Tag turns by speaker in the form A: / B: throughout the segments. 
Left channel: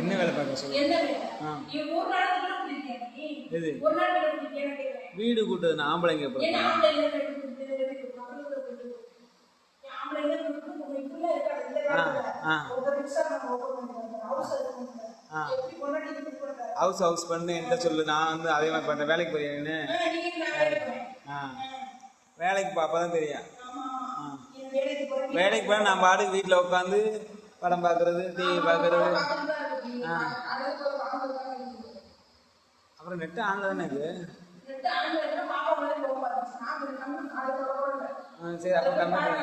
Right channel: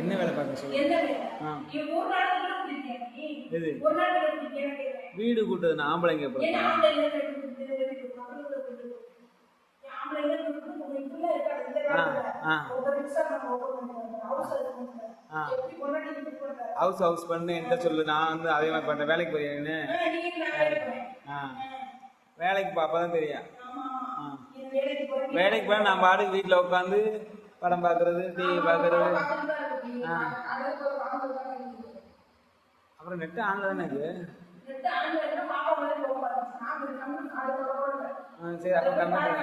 A: என்ன வேலை பார்க்க சொல்லு
B: என்ன வேலை?
A: ஆ
B: நீ ஒரு நாள் கூட குடிக்கிறியா நீ?
A: எது
B: ஒரு நாள் கூட குடிக்கிறியான்னு கேக்குறேன்.
A: வீடு கூட்டுறது ஆம்பளைங்க
B: ஏன்
A: அப்புறம்
B: ஆம்பளை இல்லை பெண் குடிக்கிறது, பெண் குடிக்கிறது, பக்கத்துல குடிக்கிறது. ஏன் ஆம்பளை இல்லை பெண் குடிக்கிறது, உங்க இப்படிலாம் இருக்காது, இந்த காலத்துல.
A: ஆ.
B: ஒருத்தர் மிக்சர் நம்ம open பண்ணிடுறாங்க, house அது பண்ணிடுறாங்க.
A: ஆ.
B: எப்படி பொண்டாட்டி இப்படி பண்றாங்க?
A: ஹவுஸ் ஹவுஸ் பண்ணு என்கிட்ட சொல்லு நான் வந்து அதே மாதிரி பண்ணுறேன் வேலைக்கு போறீங்கன்னு
B: ஆ, நான் வேலைக்கு
A: பார்ப்பா தான் தெரியும்
B: வேலைக்கு
A: போனால் நான் பாட்டுக்கு வீட்டில் உட்காந்து படம் பார்க்கறது டிவி பார்க்கறது அப்புறம் நெட்டு ஆன்ல தானே இது? சரி அப்போ கம்ப்யூட்டர்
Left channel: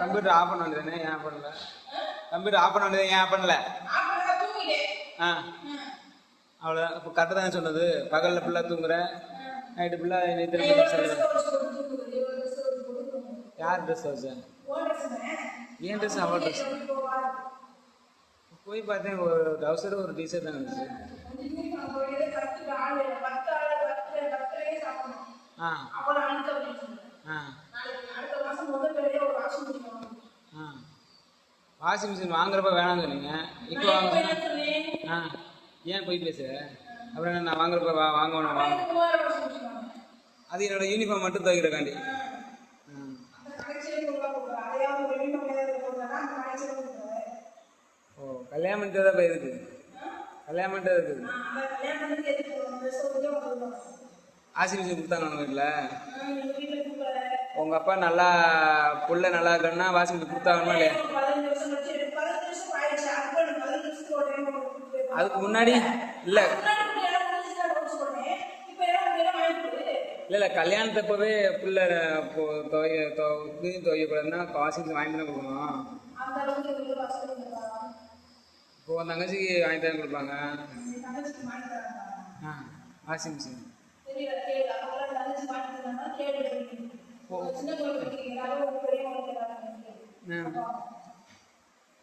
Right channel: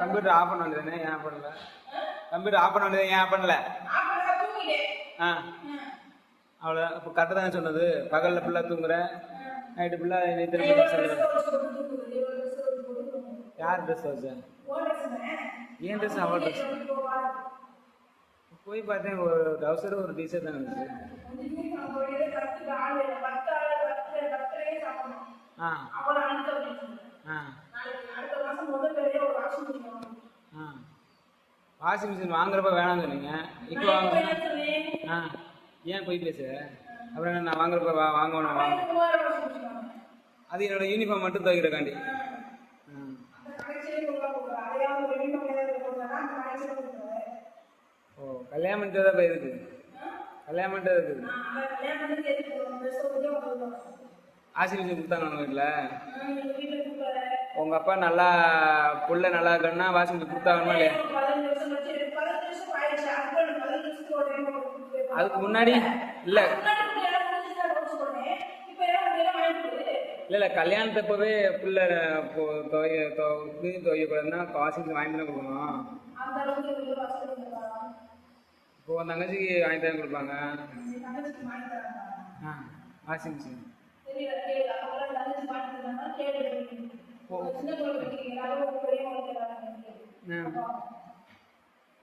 A: கம்ப்யூட்டர் ஆஃப் பண்ண வேண்டியதானே ஏன் பண்ணல? கம்ப்யூட்டர் ஆஃப் பண்ண வேண்டியது ஏன் பண்ணல. ஆ. அவ்வளோ இப்போ கரெக்டாக தானே சொன்னது? பகலில் ஃபுல்லாக தூங்குறேன் நைட்டு ஃபுல்லாக
B: தூங்குறது.
A: யார் ட்ரெஸ் வச்சேன்? ஏன் ட்ரெஸ் அவள் ட்ரெஸ்? போய் பார்த்தேன் ஒரு டவுசரும் ஒரு டீஷர்ட் தான் இருந்துச்சு. ஆ. ஆ. வாஷிங் மிஷின் வாங்குறப்ப வேணாம்னு சொன்னீங்க. இப்போ வாங்க ஆ. ஏன் போய் பேசுற? அப்புறம் நான் வாங்குறப்ப வாங்கணும் அது என்னோட யூனிஃபார்ம் மட்டும் துவைக்கிறக்காண்டி
B: அந்த கடைசியிலே உள்ள கொடுக்குறேன். அதையாவது ஒரு uniform ஏதாவது போடுறேன்னா அந்த கடைசியில கொடுக்குறேன்.
A: ஓ கல்யாணம் பண்ணிட்டு தான் போய் கல்யாணம் பண்ணிட்டு இருக்குது
B: நான்
A: வாஷிங் மிஷின் கொடுத்தாங்க நம்ம வீட்டில் உங்கள் அப்பா நல்லா புள்ள நல்லா இருக்கணும்னா வாஷிங் மிஷின் இல்லையா
B: அதுக்கு
A: முன்னாடி இல்லை
B: முன்னாடி இப்படி
A: இல்லை இல்லை கல்யாணத்தப்பவே புள்ள துவைய துவை துவைக்கக்கூடாதுன்னா வாஷிங் மிஷின் வாங்கி கொடுக்கணும் உன் தங்கச்சிக்கு வாங்கி தானே கொடுப்பாங்க. ஆ வாஷிங் மிஷின்.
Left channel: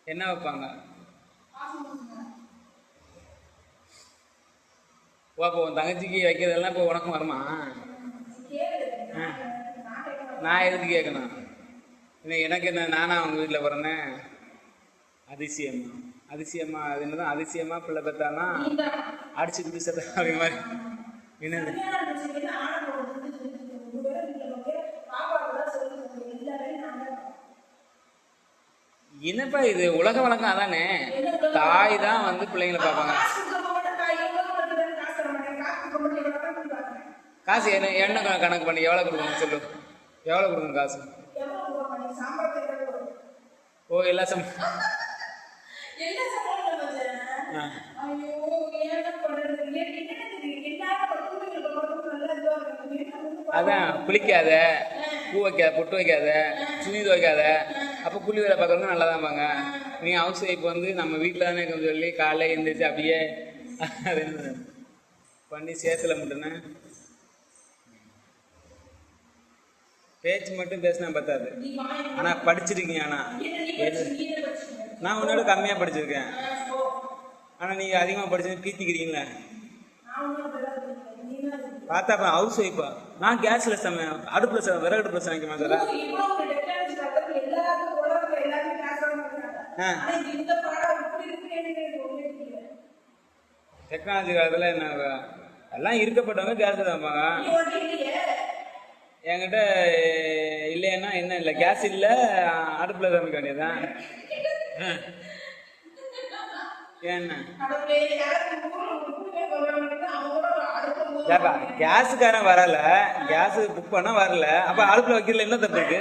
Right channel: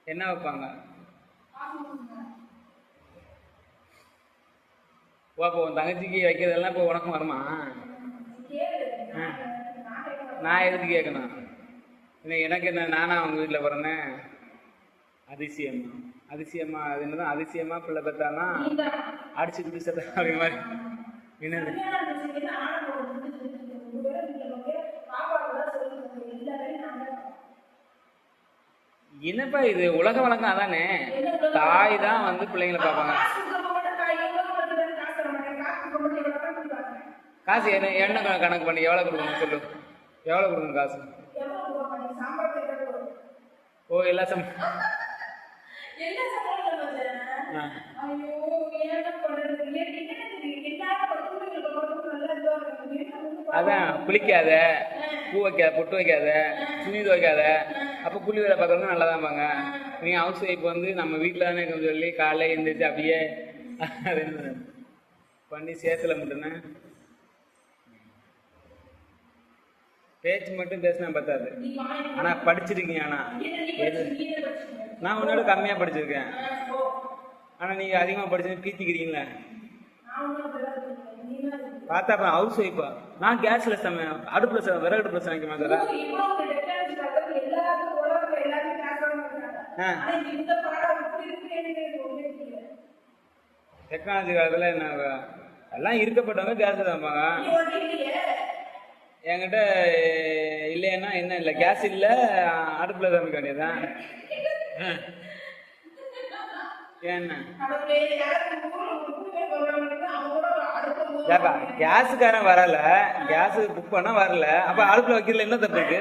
A: என்ன வைப்பாங்க. ஓ அப்போ உன் தங்கச்சிக்கு வைக்கிறதெல்லாம் இப்போ உனக்கும் வருமா.
B: நான்
A: எதுக்கு கேட்கணும்? எனக்கு என்ன நானா அவங்க வீட்டில் பிறந்தேன்? அதிசயமா அதிசயமா அது என்னதான் அதிசயமா பிள்ளை பெற்றானா
B: நீதான்.
A: அடிச்சு குடி சட்டை அப்படி மாதிரி என்னது. என்னப்பா இது? உலக வழக்கம் அதானே? தாய் தான் வந்து பிள்ளைங்களை பார்ப்பாங்க
B: காசு
A: என்ன என்ன கண- கணக்கு பண்ணி எவ்வளோ கொடுக்கணும் சொல்லு. எவ்வளோ கொடுக்கணும் காசு? ஓ எல்லா சம்
B: என்ன சம்பளம் வச்சேன்?
A: ஆ.
B: ஐயோ, என்ன பண்றது? எனக்கு என்ன தெரியும்? எல்லாரும் பக்கத்துல பக்கத்துல நல்லா இதுவா இருக்காங்க. எனக்கு வந்து பாவம்.
A: அதான் குளிக்காத பூ வைக்காத பொட்டு வைக்காத துணி துவைக்காத அப்போ கூலி வேலை பார்க்குறவங்க நல்லா தான் பாங்க நீ ஹவுஸ் ஒய்ஃப் வந்து நம்ம வீட்டில் தானே இருக்கோம்னு சொல்லி காலைல எழுந்திரிச்சு அப்படியே பண்ணி சேத்துல முட்டுன பேச்சு மட்டும் பேசினா பத்தாது. ஆனா படிச்சிருக்கீங்க
B: ஆனா.
A: நான் உன்னோட கம்மியா படிச்சிருக்கேன். ஆனா நீங்க அதிகமா படிச்சது பீத்திக்கிறீங்களே பார்த்தா அப்ப ஹவுஸ் ஒய்ஃபா நான் கேஸ்ல சம அடுப்புல ச விறகு அடுப்புல சமைக்க மாட்டேன் டெக்னாலஜி காலத்துல என்ன எல்லாம் இருக்கப்பட்டவங்க கேஸ்
B: வைப்பாங்க
A: என்கிட்ட இல்லைன்னா என்ன இல்லை கேஸ் இல்லை அடுப்பில் சமைக்க வேண்டியதுதான். என்ன? ஏப்பா கேஸுக்காரன் வரல கேஸ் புக் பண்ணால் வரல அப்போ அடுப்பில் வைக்கல என்ன தப்பு இருக்கு?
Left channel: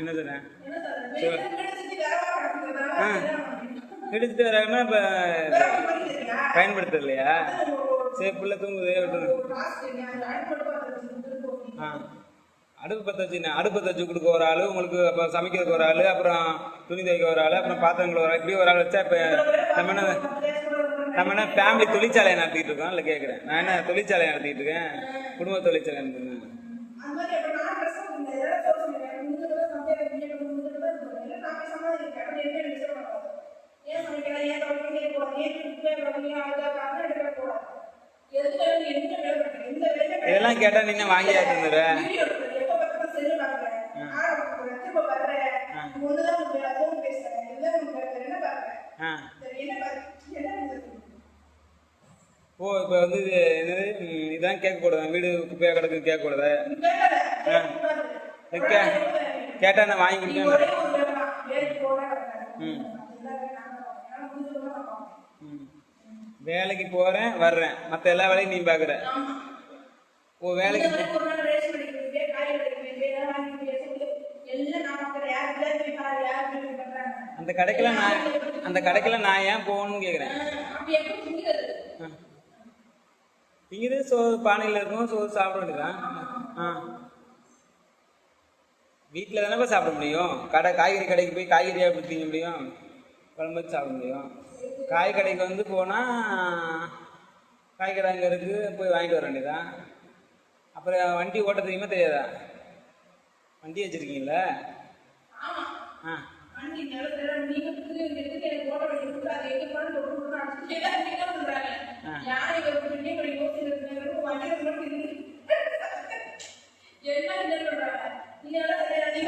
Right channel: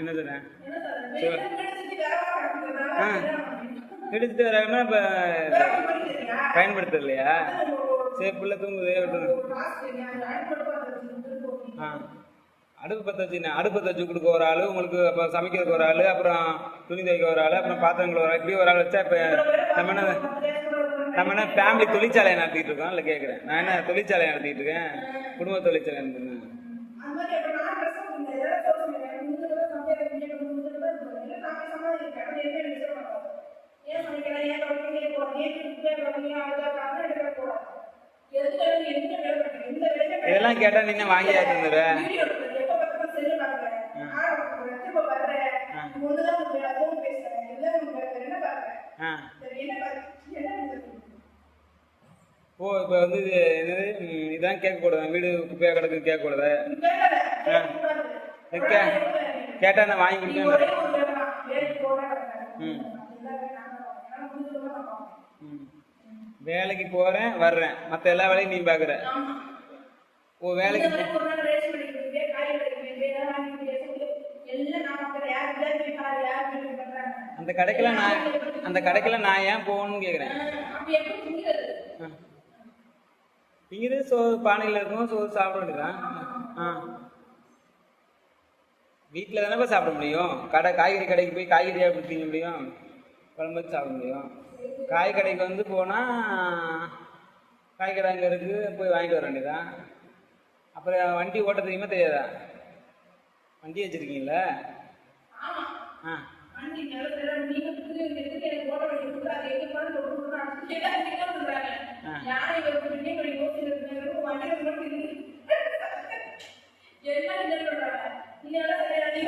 B: என்ன சொல்றேன்
A: எடுத்துட்டு வராங்கன்னா இப்போ பயன்படுத்துறது இல்லையா
B: ஒரு வழி
A: சரி புள்ள தூங்குது விட்டுருங்க ஆ. அடுப்பு பற்ற வச்சு அடுப்பு தச்சு கொடுக்க ஒரு ஆள் உங்களுக்கு அப்போ சமைக்கிறதுக்கு ஒரு ஆள் அப்புறம் துணி துவைக்க ஒரு ஆள் அப்புறம் பாத்திரங்கள் ஒரு ஆள் இப்படி ஒரு ஆள் வச்சா இப்போ நம்ம என்ன நம்ம என்ன ஃபேமிலி தொழிற்சாலையை நடத்திட்டு இருக்கோம் இல்லை கேட்குறேன் நான் என்ன தொழிற்சாலையை நடத்திட்டு இருக்கேன்? குடும்ப தொழிற்சாலை நடத்திருக்கேன்
B: அந்த மாதிரி அப்ப நான் dress போட்டுருந்தேன். எல்லாரும் சொல்லுங்க. உங்களுக்கு தான் சமையல் தெரியும். உங்களுக்கு தான் இது பண்ணுங்க. நான் போய் சமாளிக்கிறேன். அப்படி என்ன எனக்கு சொல்ல மாட்டாங்க. ஏன் சமைக்கிறேன்? ஏன் தொடர்ந்து ஏன் போறேன்? ஏன் இப்படி ஏன் தொடர்ந்து ஏன் அழுதா காரணம் எனக்கு கூடாது. எதுக்கு வந்து எந்த வேலை பண்ணுறேன்? எந்த வேலை பண்ணுறேன்?
A: இதெல்லாம் கேட்டால் நீங்க வாங்கி தந்துடுறேன்
B: வீடியோ எடுக்கிறேன். எப்ப பார்த்தாலும் செல்லு பார்க்கிறேன். ஆட பார்க்கிறேன். திரும்ப வர்றேன். ஒண்ணுதான் உங்களுக்கு phone பேசுறேன். எல்லாம் உங்களுக்கு என்ன பார்க்கிறேன்?
A: ஆ
B: சரி, என்ன பாரு- என்ன பண்ணுறது?
A: ஓ இப்போ வந்து என்னது? இதான் கேட்க கூடாது வீடு குப்பையாக கிடக்குன்னு கேட்க கூடாது
B: கேட்காத,
A: ஆ.
B: கேட்கக்கூடாது.
A: கே கேட்டால் நான் வாங்கி கொடுத்தேன்.
B: வேலைக்கு
A: போகிறேன் வர்றேன். மற்ற எல்லா வேலையும் நீ பார்க்குற ஓ வேலைக்கு. அந்த கடைக்கெல்லாம் நான் அந்த கடைக்கெல்லாம் நான் ஏன் போகணும்னு கேட்குறேன்? இங்கே சோறு பானையில் இருக்கும் சோறு சாப்பிட வேண்டியதான் ஆ. வீட்டில் தானேப்பா சாப்பிட முடியும்? கடை காய்கறி கடைக்கு போய் காய்கறியாக எப்படி திங்க முடியும்? குழம்பு வச்சு சாப்பிட முடியும். காய் கடைக்கு வந்து போனால் காய் கடை அங்கே இருக்குது போய் வாங்கிட்டு வர வேண்டியதான் அப்புறம் வண்டி ஓட்ட தெரியுமா தெரியாதா? வண்டி வச்சுருக்கீங்களா. ஆ.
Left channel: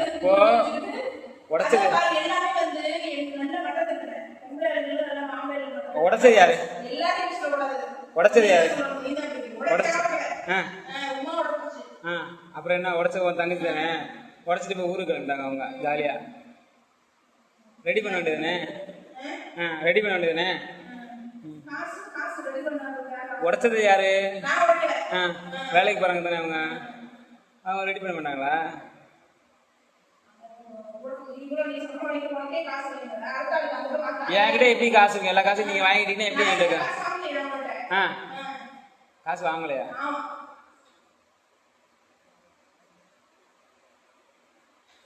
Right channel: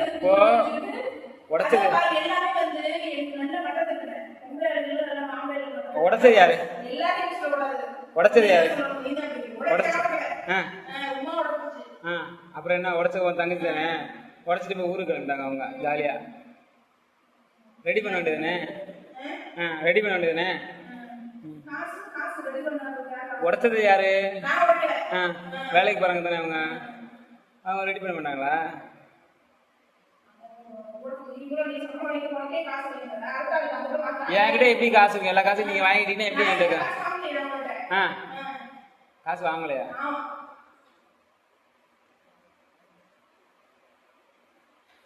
A: அப்போ உடைச்சது. உடச்சது யாரு. உடைச்சது யாரு. உடைச்சது. ஆ
B: ஆ, உமாவோட பூச்சி.
A: ஆ அப்புறம் என்ன உடச்ச உன் தங்கச்சி தானே? உடச்சிட்டு போய் ஊருக்கு கிளம்பிட்டாங்க அவங்க ஜாலியாக ரெடி பண்ண வேண்டியதுனே ஆ ரெடி பண்ண
B: வேண்டியதுனே
A: உடச்சது யாரு? ஆ வேலைக்கு போகிறாங்க தானே அவங்க? அவங்க ரெடி பண்ண மாட்டாங்களா? என்கிட்ட எப்படி காசு இருக்கு? எல்லா காசும் நீங்கள் வாங்கிட்டீங்கன்னா எப்படி ஆ காசு வாங்கலையா
B: ஆமா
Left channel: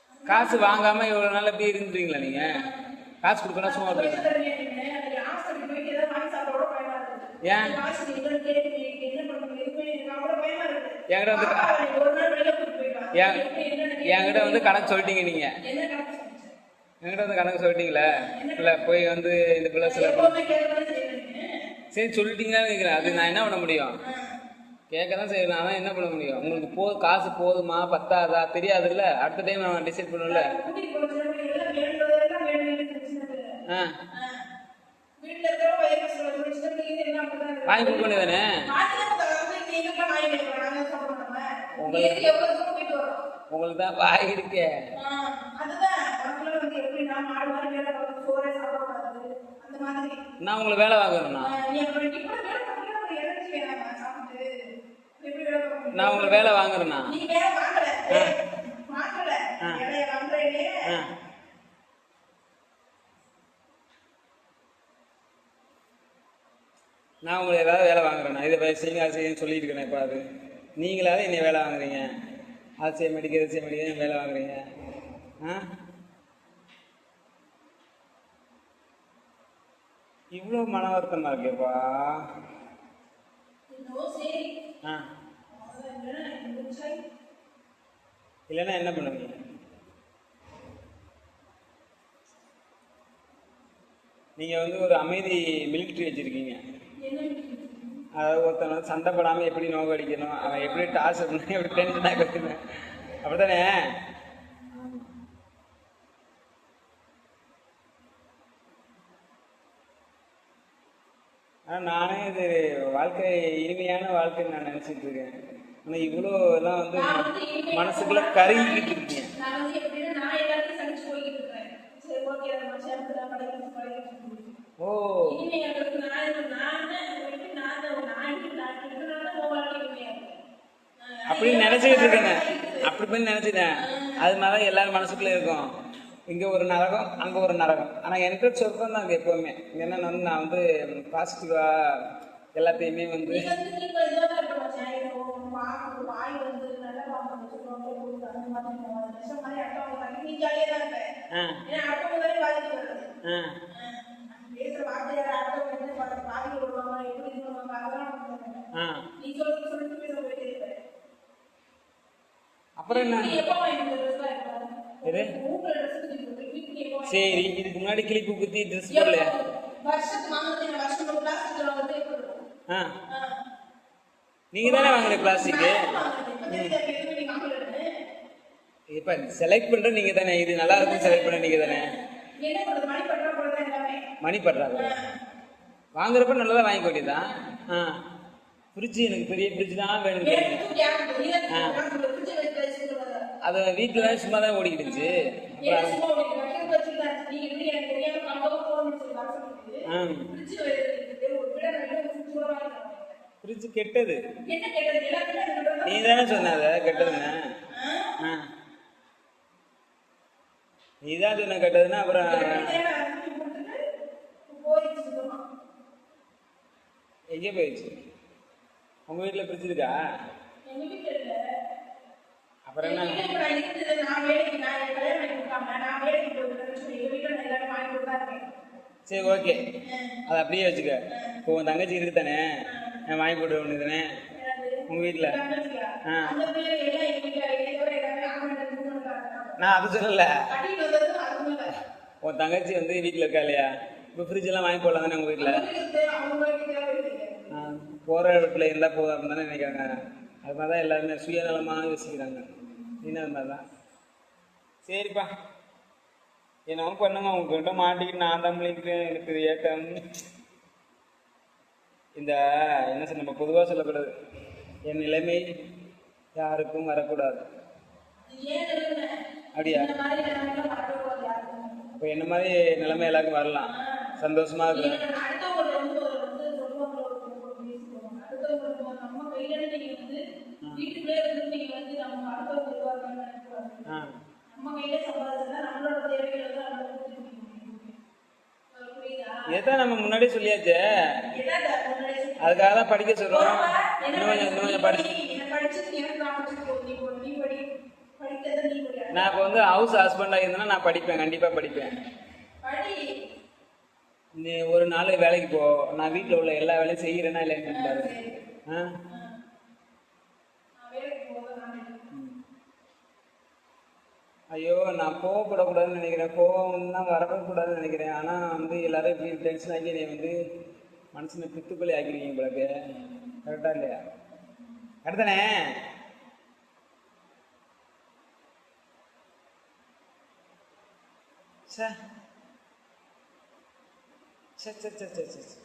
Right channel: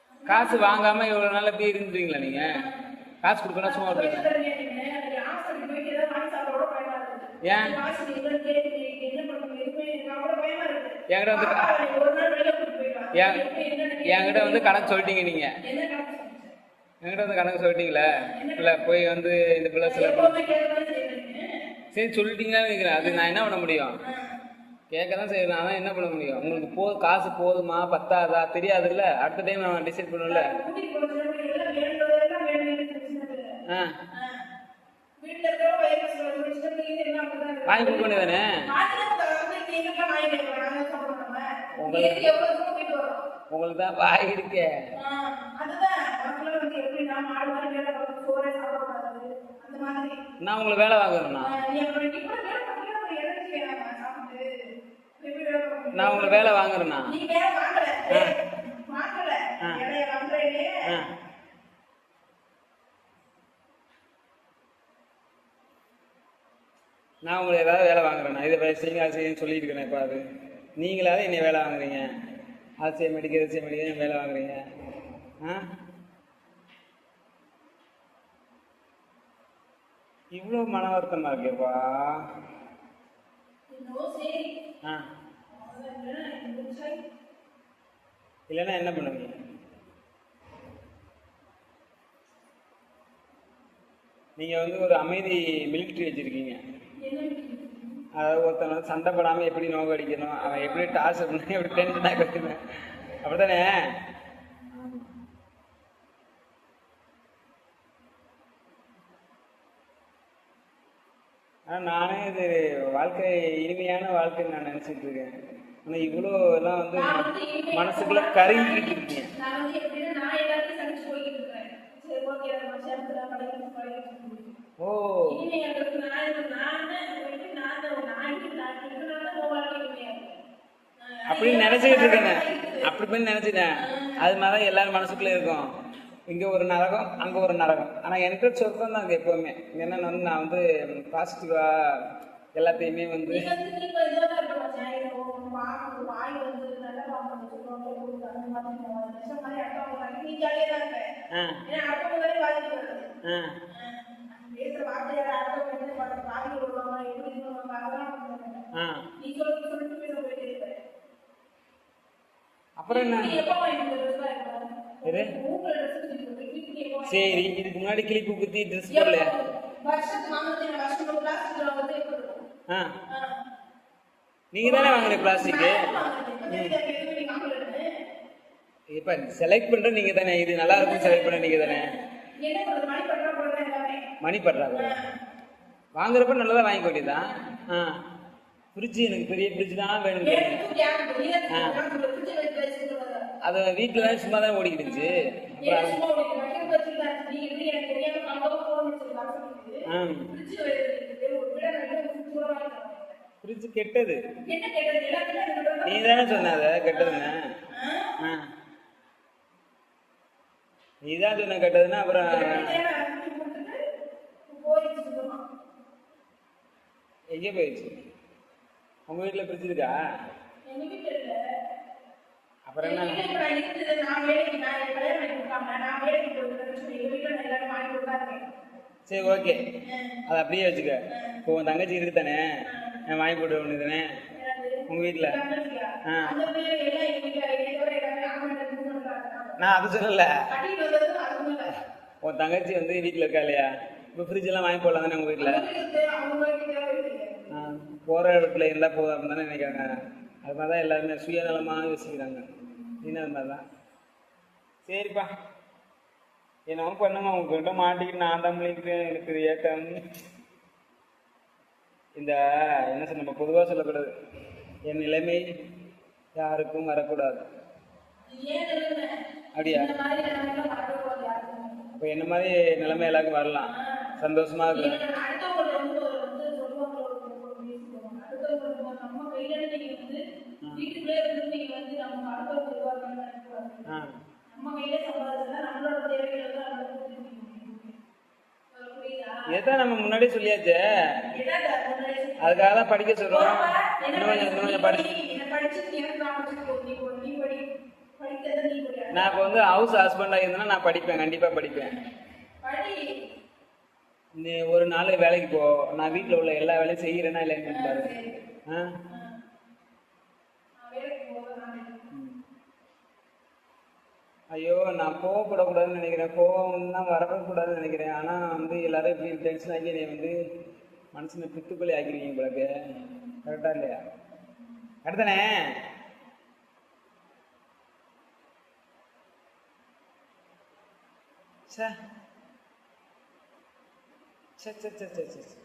A: காசு வாங்காம இவ்வளோ நாள் எப்படி இருந்துட்டீங்களா நீங்கள் காசு கொடுக்கணும் சும்மா
B: போயிட்டு
A: விடுங்க
B: தரேன் எனக்கு ஹாஸ்பிட்டல் போயிட்டு ஏதாவது வாங்கி சாப்பிட கூட பயமா இருக்கு
A: ஏன்?
B: காசு நீங்க கேட்டு நீங்க என்ன பண்ணுங்க இது பண்ணி எனக்கு கூட பயமா இருக்கு
A: என்கிட்ட வந்து
B: பாப்பா, நீ ஒரு நாள் வெளியில கூட்டிட்டு போயிட்டு வா.
A: என்
B: எப்படி என்னன்னு
A: என்கிட்ட வந்து கணக்கு சொல்லிட்டீங்க
B: சொல்லுங்க.
A: என்கிட்ட வந்து கணக்கு சொல்லிட்டீங்களே? இல்லை போய் வந்து இந்த பிள்ளை சில சரி சொல்லிட்டீங்களான்னு கேட்குறேன் அது நான் என்ன பண்ண முடியும்? கேட்க தான் செய்யணும் அதான் என்ன பண்ண முடியும்? உங்களுக்கு போ காசு போதுமா? பத்தாதா? தெரியாதுல்ல? அடுத்த டைம் நான் டிசைட்
B: நினைச்சுட்டு
A: ஆ. வாங்கி
B: சாப்பிட மாட்டோம்.
A: உங்களுக்கு-? உங்களுக்கு தான் வாய் இருக்கே. நான் உங்களுக்கு வேலை வாங்குறேண்ணா நான் உங்களுக்கு வேலை வாங்குறேண்ணா நான் உங்களுக்கு ஏதாவது வேலை வாங்குறேண்ணா இதை செய்யுங்க அது செய்யுன்னு சொல்லிட்டு இருக்கிறேன் இப்போ அது? நீங்களாவது என்னை வேலை வாங்குறீங்க? அது செய்ய மாட்டேங்க இது செய்ய மாட்டேங்க வேலை வாங்குறீங்க? ஆ? இவ்வளோ மன வருத்தமாக இருக்கேப்பா. ஆ.
B: இல்லைன்னா
A: என்ன பண்ணுவீங்க? நீங்கள் வந்து ஒரு அமைதி மிலிட்ரி வச்சுருக்கீங்க. அதாவது ஒருத்தன் வந்து சண்டைப்படாமல் எப்படி நோக்க அடிக்கணும்? அவன் எப்படி டாஸ் பண்ணி எப்படி டென்ஷனாக வைக்கணும் அப்படித்தானே? ஆனால் நானே இது வாழ்க்கை இனிமையான வாழ்க்கைன்னு நான் நினச்சிட்டு இருக்கேன். ஆனால் இவ்வளோ எல்லாம் வந்து மனசுக்குள்ள கருகிக்கிட்டு இருக்கீங்க. ஓ. அப்படின்னு நினச்சிக்கிட்டு இருக்கேன். அப்படி போய் நினச்சிட்டேன். அது மாதிரி தான் எல்லாரும் மனசுக்குள்ளே இருக்கும். இங்கே ஒரு நரகம் அங்கே ஒரு நரகம். ஆனால் எனக்கு சொர்க்கம் தான் அங்கே எப்போவுமே. என்னென்ன வந்து நான் வந்து பாசிட்டிவாக எல்லாத்தையுமே வந்து
B: வந்து வந்து.
A: அப்புறம் என்ன? சரி இதுக்கு முன்னாடி கிளிப்பு குத்தி ட்ரெஸ் போடலையா?
B: வருஷத்துக்கு
A: நீங்கள் தானே வாங்குறீங்க பிளாஸ்டிக்கு.
B: இப்ப
A: செலக்ட் பண்ணுற நீங்கள் தானே இது நல்லா இருக்கும் செலக்ட் பண்ண நீங்கள் தானே
B: மணி
A: பற்றாக்குறை வாங்குறப்ப நல்லதா வாங்கி ஆ. ஃப்ரிட்ஜ் எனக்கு பெரிய ஃப்ரிட்ஜ் தான் வேணும். அது வீட்டில் சும்மா தான் ஓடிக்கிடுச்சு?
B: நீங்க
A: ஆ. ஃப்ரிட்ஜ் கெட்டது? நீ தானே சொன்ன கெட்டதுன்னு? நீ தான் சொன்ன கெட்டதுன்னா அப்புறம். எங்கே போயிடுச்சு உங்கள் வீட்டில் ஃப்ரிட்ஜ் இருக்கா. அப்புறம் என்ன
B: வீட்டுல இப்ப நான் இருக்குது, நான் வேலைக்கு நான் என் கல்யாணம் பண்ணி கொடுக்காம, நான் வேலைக்கு போயிட்டு சொல்லி எங்க வீட்டுல நான் எல்லாரும் வாங்கி கொடுத்தாருங்க.
A: சரி ஓகே. அதை அப்படியே வச்சுக்க. இப்போ உன் தங்கச்சி இருக்கு தானே நான் வாங்கி போட்டு ஒன்று தானே? உங்கள் வீட்டில் ஆ. நான் அதை சொல்லல. உன் தங்கச்சி வந்து வீட்டில் இருக்கா இல்லையா? இப்போ ஃப்ரிட்ஜ் எல்லாம் வாங்கி போடலாம் தானே உங்கள் வீட்டில் போகிற வீட்டில் இருந்தால் போதும் அப்படின்னு தானே நினைக்கிறாங்க. அது மாதிரி தான் எல்லாருமே சுயநலமாக யோசிக்கிறாங்க. என்ன அது மாதிரி தான் சரிப்பா. என்னவோ பண்ணுங்க உங்ககிட்ட மாட்டிக்கிட்டு நான் தான் பண்ணிக்கிட்டு எனக்கு ஏக்கம் இந்த என்ன சொல்ல நம்ம பொதுவாக சொல்லக்கூடாது என் நிலைமை யாருக்கும் வரக்கூடாது? அப்படியா. இப்போ என்ன மாதிரி நிலைமை எல்லாருக்கும் வரலாம் சந்தோஷமா இருக்கு
B: வீட்டுக்குள்ளே இருந்து நீங்க வந்து நமக்கு அடுத்தவங்க வருவாங்கன்னு நினைக்கக்கூடாது.
A: ஆ
B: நம்ம கையில சம்பாதிச்சா நம்மளோட
A: எதான் நம்ம முன்னாடியே சொல்லியாச்சே? அதுக்காக தான் படிக்க இன்னும் கொஞ்சம் கொஞ்சம் படி.
B: நான்
A: இப்போ வந்து ஹவுஸ் ஹஸ்பண்டாக இருந்தேன்னா நான் படிப்பேன் கண்டிப்பாக படிப்பேன்.
B: படி.
A: நீ ஒரு நாள் வேலைக்கு போ. நான் வீட்டில் உள்ள எல்லா வேலையும் செய்கிறேன்னா இல்லைன்னு பாரு ஆ
B: நான் வேலைக்கு போக நான் நினைக்கிறேன்.
A: ஐயோ நான் போகக்கூடாதுன்னு நினைக்கிறேன். கோவம் தான் வரவே கூடாதுன்னு நினைக்கிறேன். ஆனால் வந்து எல்லாரும் இப்படி டென்ஷன் ஆகி என்னை வந்து மனசில் பித்துப்பள்ளி ஆக்கிருக்கீங்க உங்களுக்கு கரெக்டாக இல்லையா? அடுத்தனே சே சே சே சே சே